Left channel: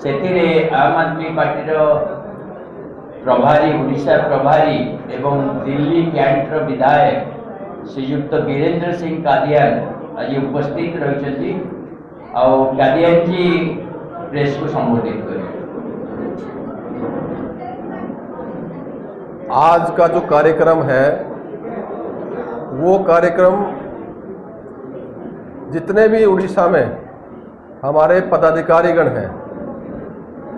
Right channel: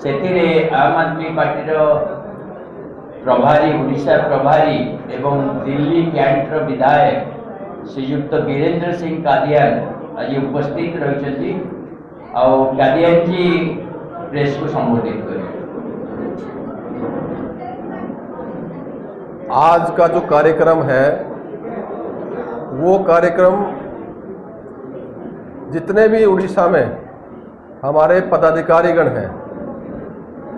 ସେଥିରେ आम आदमी पार्टी प्रभारी ओडिशा प्रभारी एवं दिल्ली कैंटर विधायक श्रीयुक्त वीरेंद्र सिंह कादियान आज उपस्थित रही कादियान जी प्रेस को संबोधित करें। आज का जो कार्यक्रम है वो कार्यक्रम जितने भी उड़ीसा में हमारे पदाधिकारीगण हैं,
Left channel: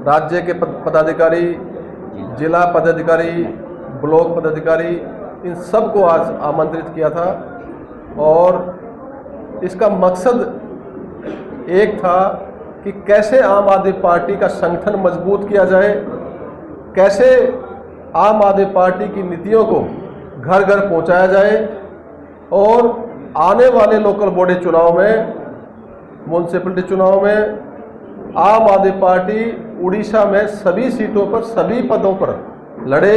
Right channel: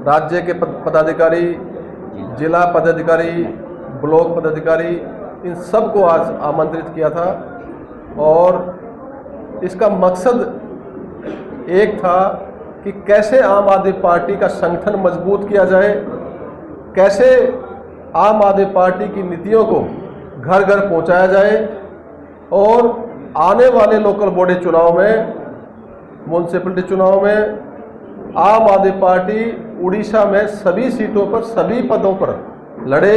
राज्य के पदाधिकारी, जिला पदाधिकारी, ब्लॉक पदाधिकारी, इन सब को आज आमंत्रित किया था और इसका मकसद एक था कि कैसे आम आदमी पार्टी का संगठन मजबूत किया जाए, कैसे आम आदमी पार्टी की नीतियों को घर घर पहुंचाया जाए और आने वाले लोकल बॉडी चुनाव में, म्यूनसिपलिटी चुनाव में आम आदमी पार्टी उड़ीसा में सभी सीटों पर, सभी पदों पर लड़े,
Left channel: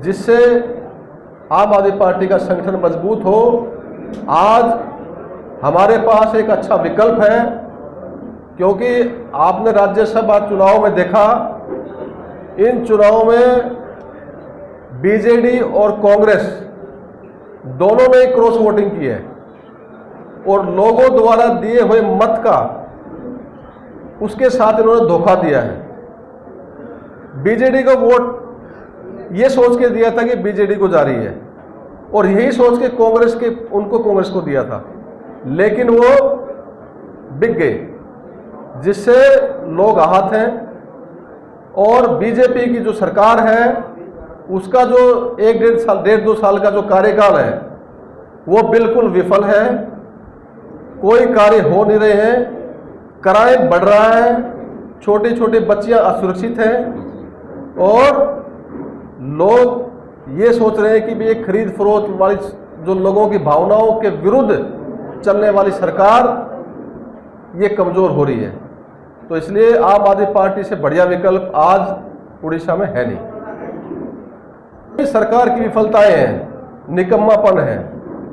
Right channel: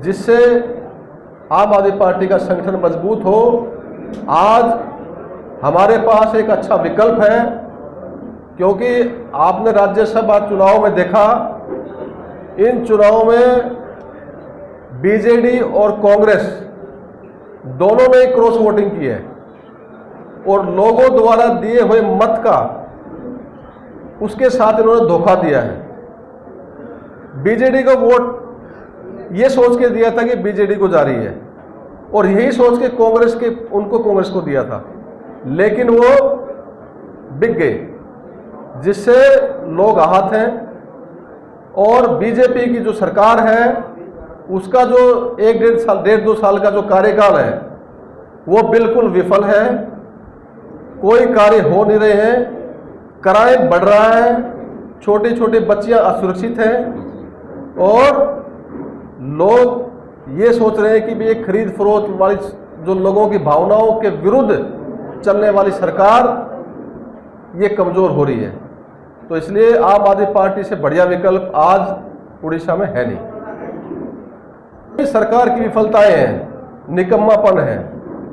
जिससे आम आदमी पार्टी का संगठन मजबूत हो। आज हमारे पास एक अच्छा विकल्प है, क्योंकि आपने राज्यसभा चुनाव में देखा, इन चुनावों में बीजेडी और कांग्रेस दोनों ने क्रॉस वोटिंग की है और लोगों द्वारा दिए हुए मत का उसके साथ इन्होंने धोखा दिया है। बीजेडी को वोट ये सोच के दिया था कि बीजेडी को जा रही है और यही सोच के उनको कांग्रेस को दिया था, लेकिन वो बिक गए, जिससे लोग आहत हैं। और बीजेपी की जो सरकार है उसका जो 1-1.5 साल का जो कार्यकाल है वो बिल्कुल विफल है, कोई कार्य हो नहीं रहे हैं, क्राइम बढ़ रहा है, छोटी छोटी बच्चियां असुरक्षित हैं और लोग ये सोच रहे हैं कि ये खरीद फरोख्त वाली जो लोगों की भावनाओं के विरुद्ध चलने वाली सरकार ये कमज़ोर हो रही है। तो इसलिए आम आदमी पार्टी से बढ़िया विकल्प आज उड़ीसा में है नहीं। सरकार की विफलताएं हैं, निकम्मापन है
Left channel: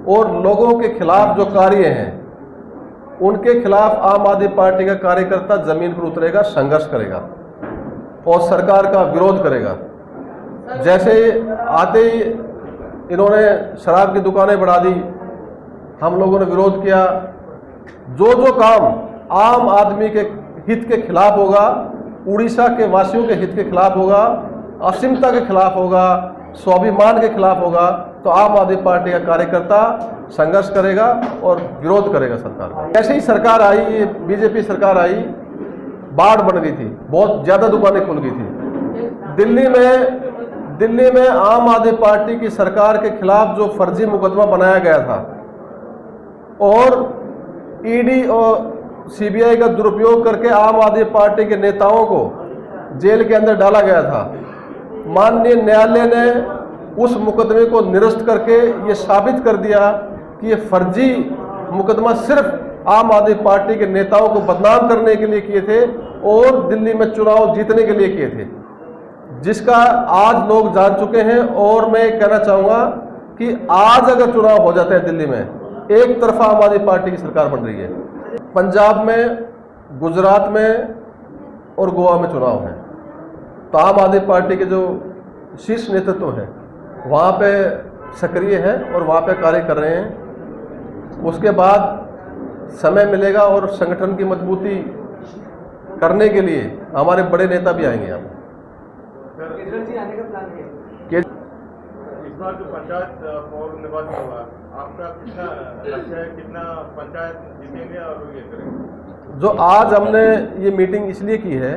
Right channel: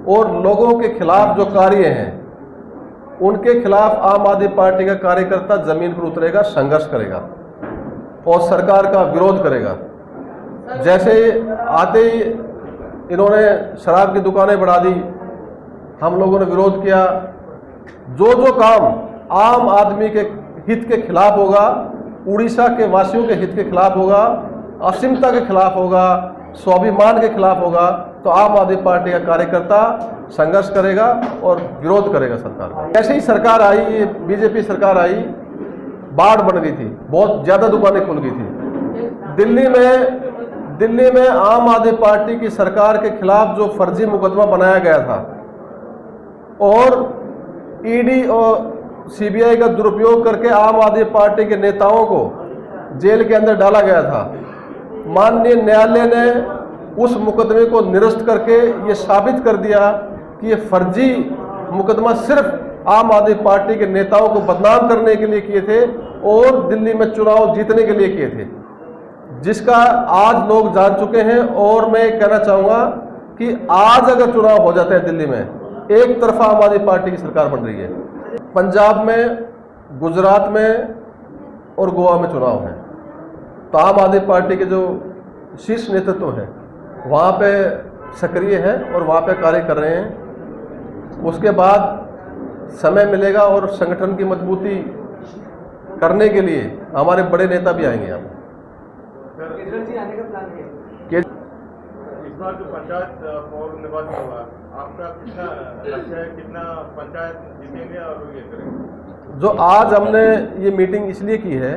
और लोगों के खिलाफ जो कार्य हैं उनके खिलाफ आम आदमी पार्टी का कार्यकर्ता जमीन पर उतरेगा, संघर्ष करेगा और सरकार का विरोध करेगा। जैसे आते ही इन्होंने शराब की दुकानें बढ़ा दी, हम लोगों ने विरोध किया। जो जो काम आम आदमी के हित के खिलाफ होगा, उड़ीसा के वासियों के हित के खिलाफ होगा, असीमता के खिलाफ होगा, स्वाभिमान के खिलाफ होगा, तो आम आदमी पार्टी का कार्यकर्ता संघर्ष करेगा और विरोध करेगा सरकार का। ऐसे ही सरकार आई, ये बीजेपी सरकार आई, बाढ़ बन गई थी, बहुत ज़्यादा दुकानें खुल गई थी। दिल्ली में आम आदमी पार्टी की सरकार के खिलाफ जो फर्जी मुकदमा बनाया गया था और ईडी और सीबीआई का दुरुपयोग करके आम आदमी पार्टी के नेताओं को जेल के अंदर डाला गया था, माननीय न्यायालय ने उस मुकदमे को निरस्त करके ये साबित कर दिया कि ये फर्जी मुकदमा सिर्फ आम आदमी पार्टी के नेताओं को बदनाम करने के लिए किए थे और दिल्ली में चुनाव जीतने के लिए किए थे, जिसका आज लोग जान चुके हैं। और मैं कहना चाहूँगा कि आज अगर चुनाव हो जाते हैं दिल्ली में, एक तरफा आम आदमी पार्टी की सरकार बन रही है। पंजाब में, गुजरात में और गोवा में चुनाव है, तो आम आदमी पार्टी के जो शीर्ष नेतृत्व है वहाँ पे सक्रिय है और वहाँ पे कार्य कर रहे हैं। उसके बाद समय मिलेगा और संगठन की मजबूती करने के लिए हमारे बड़े नेता भी आएंगे यहाँ पर। इस बार जो पंचायत और निर्वाचन होगा, आपका कितना लक्ष्य है, कितना पंचायत जीतेंगे और ये करेंगे? जो आज हमने ये मीटिंग इसलिए की है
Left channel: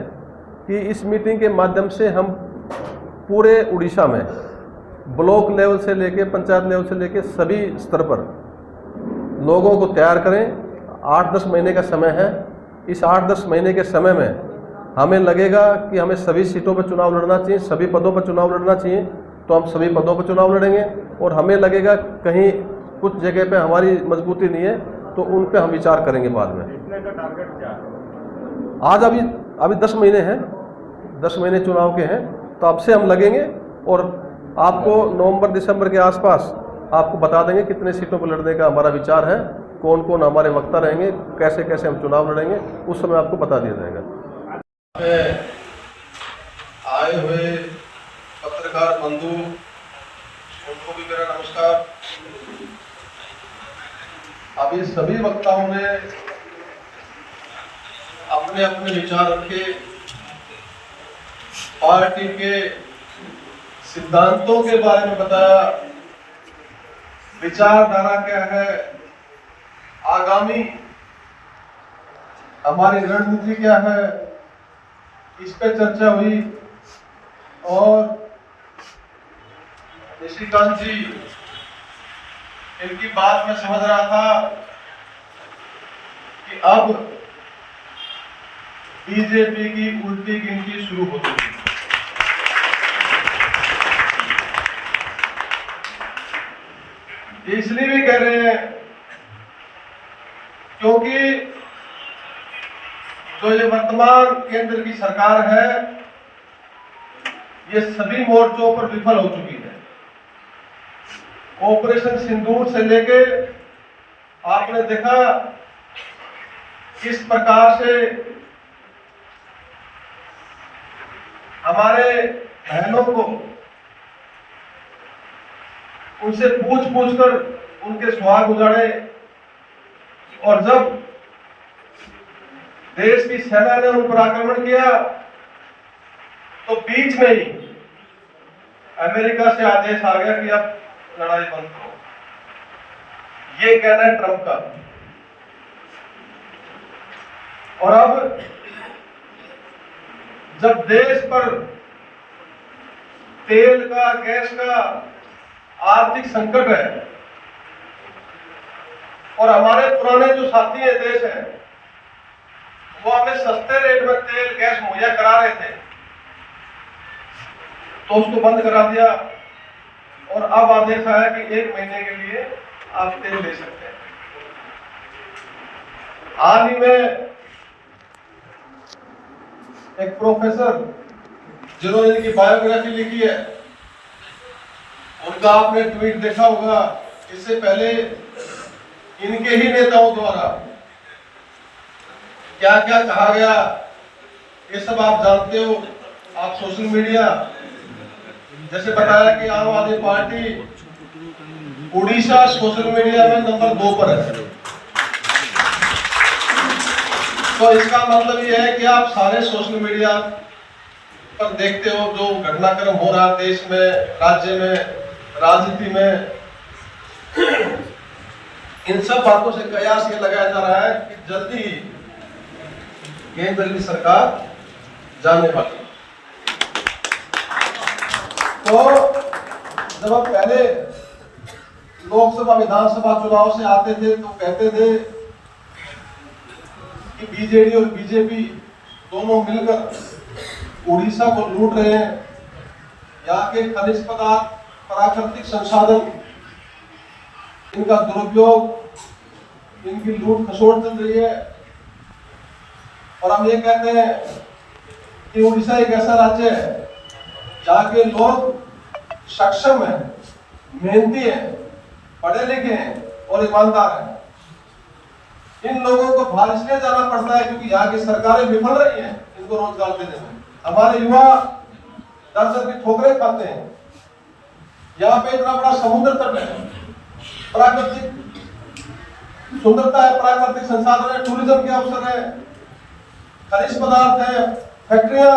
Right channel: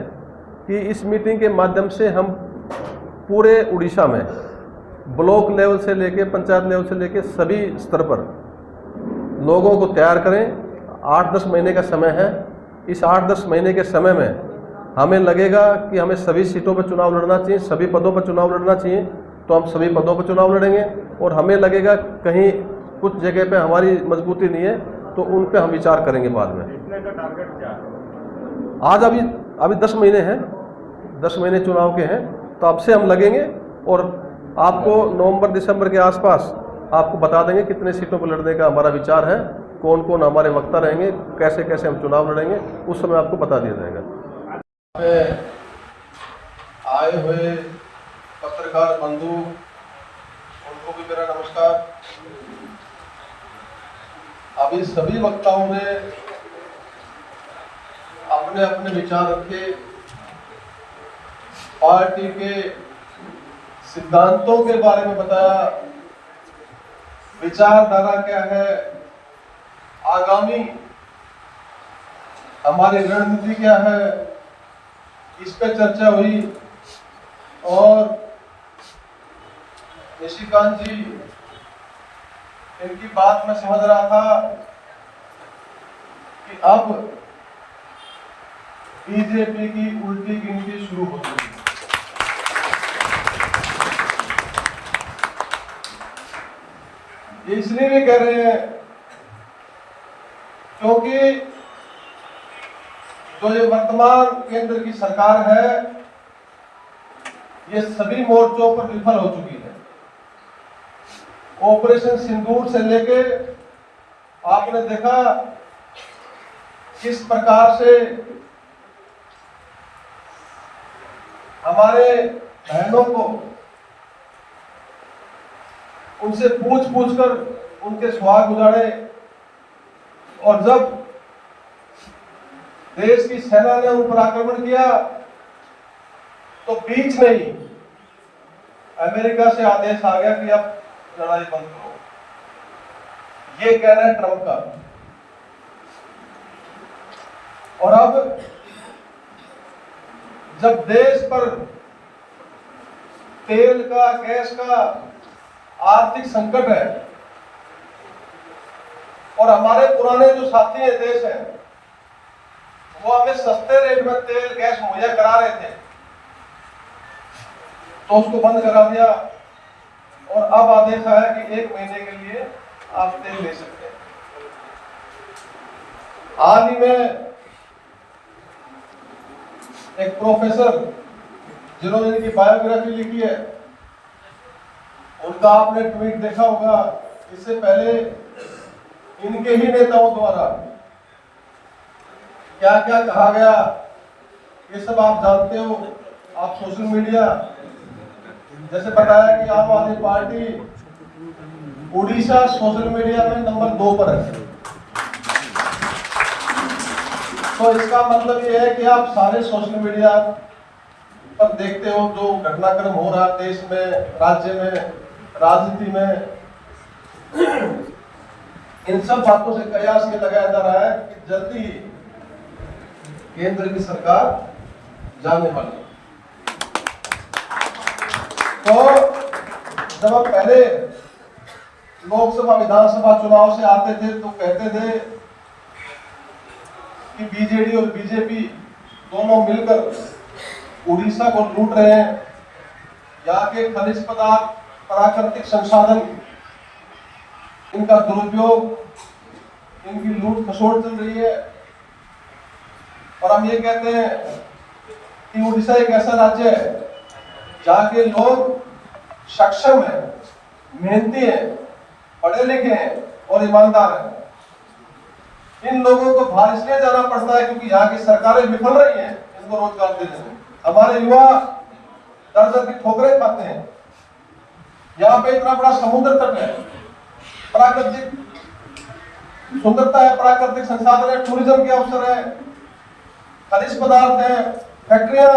कि इस मीटिंग के माध्यम से हम पूरे उड़ीसा में ब्लॉक लेवल से लेके पंचायत लेवल से लेके सभी स्तर पर लोगों को तैयार करें। 8-10 महीने का समय है। इस 8-10 महीने के समय में हमें लगेगा कि हमें सभी सीटों पर चुनाव लड़ना चाहिए, सभी पदों पर चुनाव लड़ना चाहिए, तो हम सभी पदों पर चुनाव लड़ेंगे। और हमें लगेगा कहीं कुछ जगह पे हमारी मजबूती नहीं है तो उन पे हम विचार करेंगे बाद में। कितने का टारगेट क्या है? आज अभी 10 महीने हैं, 10 महीने चुनाव के हैं, तो अब से हम लगेंगे और आपको नवंबर-दिसंबर के आसपास आपको बता देंगे कितने सीटों पर लड़ने का हमारा विचार है, कौन कौन हमारे वक्ता रहेंगे, कैसे कैसे हम चुनाव लड़ेंगे, उस समय आपको बता दिया जाएगा। में आए हुए पत्रकार बंधु, उनको भी मेरा नमस्कार। अभी सभी वक्ताओं ने अपने अपने विचार रखे, पार्टी के सिद्धांतों के बारे में बताया, विचारधारा क्या है, आगामी हमारी रणनीति क्या है, इस पे चर्चा हुई। और निशिकांत जी, इनकी बात में समझ रहा था कि अब बीजेपी की उल्टी गिनती शुरू हो गई। इसलिए भी कह रहे हैं क्योंकि जो ये वर्तमान केंद्र की सरकार है, ये सभी मोर्चों पर विफल हो चुकी है। ऑपरेशन सिंदूर से लेके आपने देखा किस प्रकार से हमारे बहनों को उनसे पूछ कर उनके सुहाग उजाड़े, और जब देश की सेना ने उन पर आक्रमण किया तो बीच में ही अमेरिका से आदेश आ गया कि अब लड़ाई बंद करो। ये कहना है ट्रंप का। और अब जब देश पर तेल का, गैस का आर्थिक संकट है और हमारे पुराने जो साथी है देश है, वो हमें सस्ते रेट में तेल गैस मुहैया करा रहे थे, तो उसको बंद करा दिया। और अब आदेश आया कि 1 महीने के लिए आप तेल ले सकते हैं। हाल ही में एक प्रोफेसर जिन्होंने इनकी बायोग्राफी लिखी है, उनका आपने ट्वीट देखा होगा। इससे पहले इनके ही नेताओं द्वारा क्या क्या कहा गया, ये सब आप जानते हो। आप सोशल मीडिया, जैसे बताया कि आम आदमी पार्टी उड़ीसा सोशल मीडिया में नंबर 2 पर है। तो इसका मतलब ये है कि आप सारे सोशल मीडिया पर देखते हो जो घटनाक्रम हो रहा है देश में, राज्य में, राजनीति में। इन सब बातों से कयास ये लगाया जा रहा है कि जल्दी ही केंद्र की सरकार जाने वाली है। तो जब हम पहले लोकसभा विधानसभा चुनाव से आते थे तो कहते थे कि बीजेडी और बीजेपी दोनों मिलकर उड़ीसा को लूट रहे हैं, यहाँ के खनिज पदार्थ, प्राकृतिक संसाधन, इनका दुरुपयोग, इनकी लूट खसोट चल रही है। और हम ये कहते हैं कि उड़ीसा एक ऐसा राज्य है जहाँ के लोग सक्षम है, मेहनती है, पढ़े लिखे हैं और ईमानदार हैं। इन लोगों को बाहर इसलिए जाना पड़ता है क्योंकि यहाँ की सरकारें विफल रही हैं इनको रोजगार देने में। हमारे युवा दर की ठोकरें खाते हैं। यहाँ पे इतना बड़ा समुद्र तट है, प्राकृतिक सुंदरता है, प्राकृतिक संसाधन है, टूरिज्म के अवसर है, खनिज पदार्थ है, फैक्ट्रियां,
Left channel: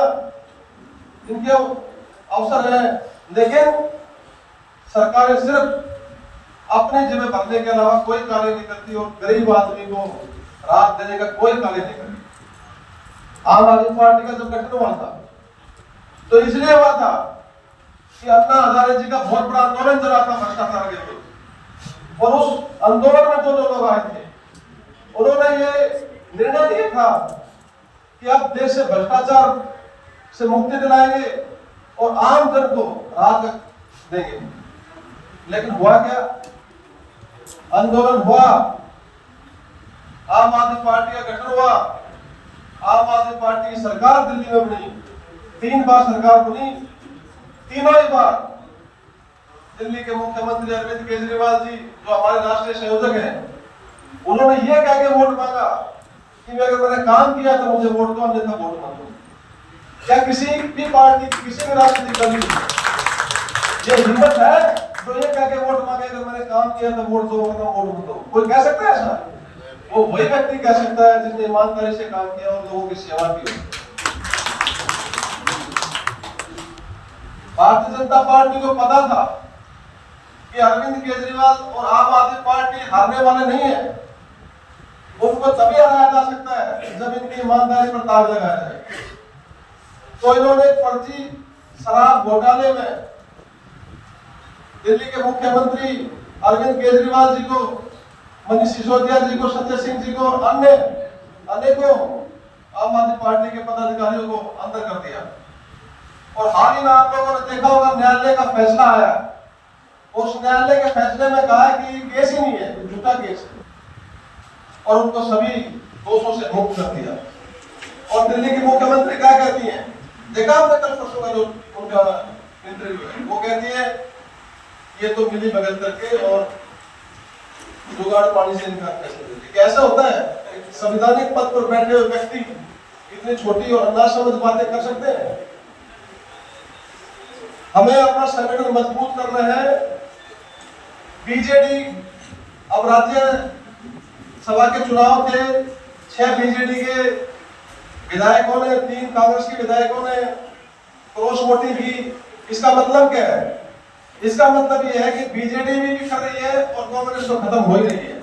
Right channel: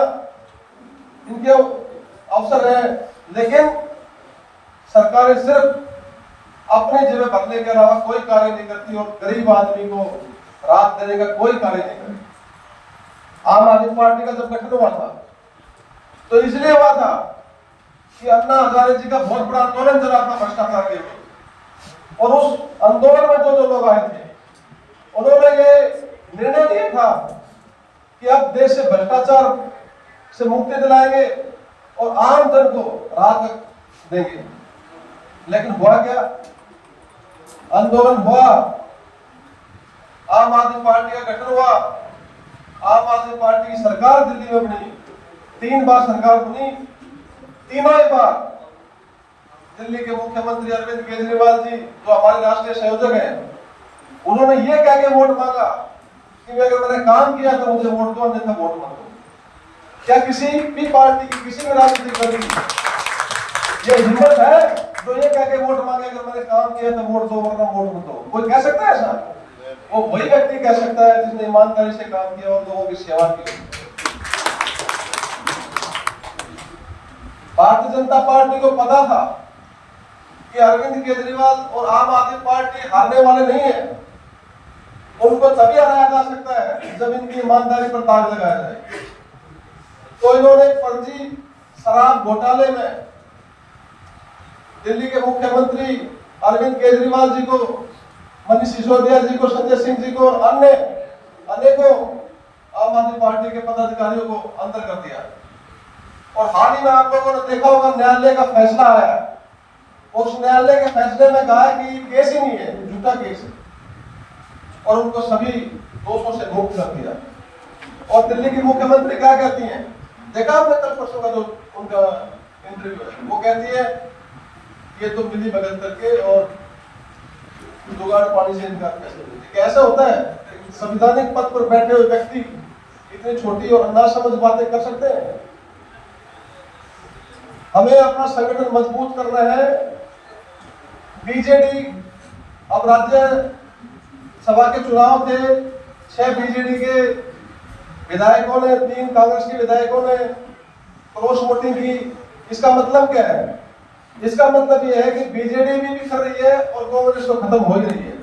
इनके अवसर है, लेकिन सरकारें सिर्फ अपने जेबें भरने के अलावा कोई कार्य नहीं करती और गरीब आदमी को राहत देने का कोई कार्य नहीं करती। आम आदमी पार्टी का जब गठन हुआ था तो इसलिए हुआ था कि अन्ना हजारे जी का बहुत बड़ा आंदोलन चला था भ्रष्टाचार के विरुद्ध, और उस आंदोलन में जो लोग आए थे उन्होंने ये निर्णय लिया था कि अब देश से भ्रष्टाचार से मुक्ति दिलाएंगे और आम जन को राहत देंगे। लेकिन हुआ क्या? आंदोलन हुआ, आम आदमी पार्टी का गठन हुआ, आम आदमी पार्टी की सरकार दिल्ली में बनी, 3 बार सरकार बनी। तीनों ही बार दिल्ली के मुख्यमंत्री अरविंद केजरीवाल जी, जो हमारे राष्ट्रीय संयोजक हैं, उन्होंने ये कह के वोट मांगा कि अगर मैंने काम किया तो मुझे वोट दो, अन्यथा वोट मत दो। क्या किसी भी पार्टी की, किसी भी राजनीतिक दल की ये हिम्मत है जो ये कह के वोट मांगे अगर मैंने काम किया तो वोट दो, वरना वोट मत दो? कोई कह सकता है ऐसा? वो वही व्यक्ति कह सकता है जिसने ईमानदारी से काम किया और लोगों की सेवा की। भारतीय जनता पार्टी को पता था कि अरविंद केजरीवाल और आम आदमी पार्टी हारने वाले नहीं है। उनको तभी हराया जा सकता है जब इनकी ईमानदारी पर दाग लगाया जाए। तो इन्होंने फर्जी शराब घोटाले में दिल्ली के मुख्यमंत्री अरविंद केजरीवाल जी को, मनीष सिसोदिया जी को, संजय सिंह जी को, अन्य अनेकों आम आदमी पार्टी के पदाधिकारियों को अंदर कर दिया। और हाल ही में आप लोगों ने देखा होगा न्यायालय का फैसला आया। उस न्यायालय के फैसले में कहा कि केस ही नहीं है, झूठा केस है, और उनको सभी दोषों से मुक्त कर दिया। और दिल्ली की मुख्यमंत्री क्या कहती हैं, देखा आपने कल परसों का जो उनका इंटरव्यू है, वो कहती है ये तो मिली भगत करके और जुगाड़ पानी से इनकार कर सकते। कैसा होता है संवैधानिक पद पर बैठे हुए व्यक्ति इतनी छोटी और नासमझ बातें कर सकते हैं? हमें अपना संगठन मजबूत करना है। बीजेडी, अब राज्य सभा के चुनाव थे, 6 बीजेडी के विधायकों ने, 3 कांग्रेस के विधायकों ने क्रॉस वोटिंग की। इसका मतलब क्या है? इसका मतलब यह है कि बीजेडी भी कर रही है और कांग्रेस तो खत्म हो ही रही है।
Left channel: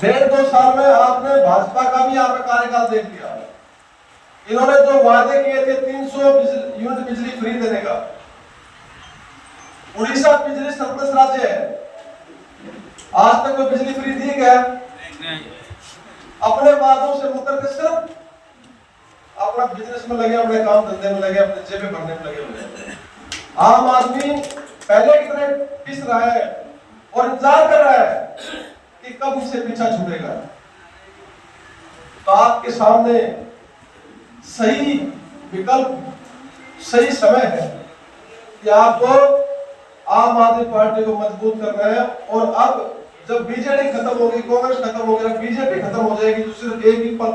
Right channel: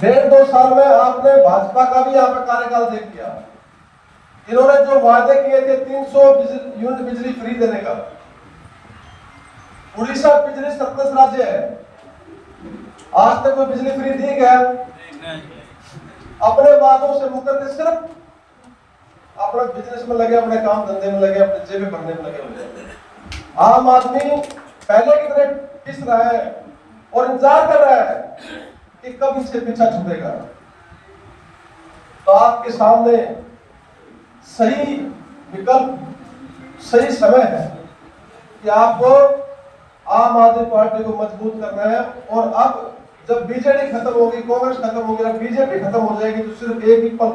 1.5-2 साल में आपने भाजपा का भी यहाँ पे कार्यकाल देख लिया। इन्होंने जो वादे किए थे 300 यूनिट बिजली फ्री देने का, उड़ीसा बिजली सरप्लस राज्य है, आज तक कोई बिजली फ्री दी क्या? अपने वादों से मुकर के सिर्फ अपना बिजनेस में लगे, अपने काम धंधे में लगे, अपने जेबें भरने में लगे हुए। आम आदमी पहले की तरह पिस रहा है और इंतजार कर रहा है कि कब इससे पीछा छूटेगा। तो आपके सामने सही विकल्प, सही समय है कि आपको आम आदमी पार्टी को मजबूत करना है। और अब जब बीजेडी खत्म होगी, कांग्रेस खत्म होगी, बीजेपी खत्म हो जाएगी, तो सिर्फ एक ही पद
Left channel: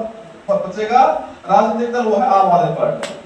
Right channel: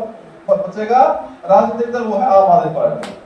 बचेगा राजनीतिक दल, वो है आम आदमी पार्टी।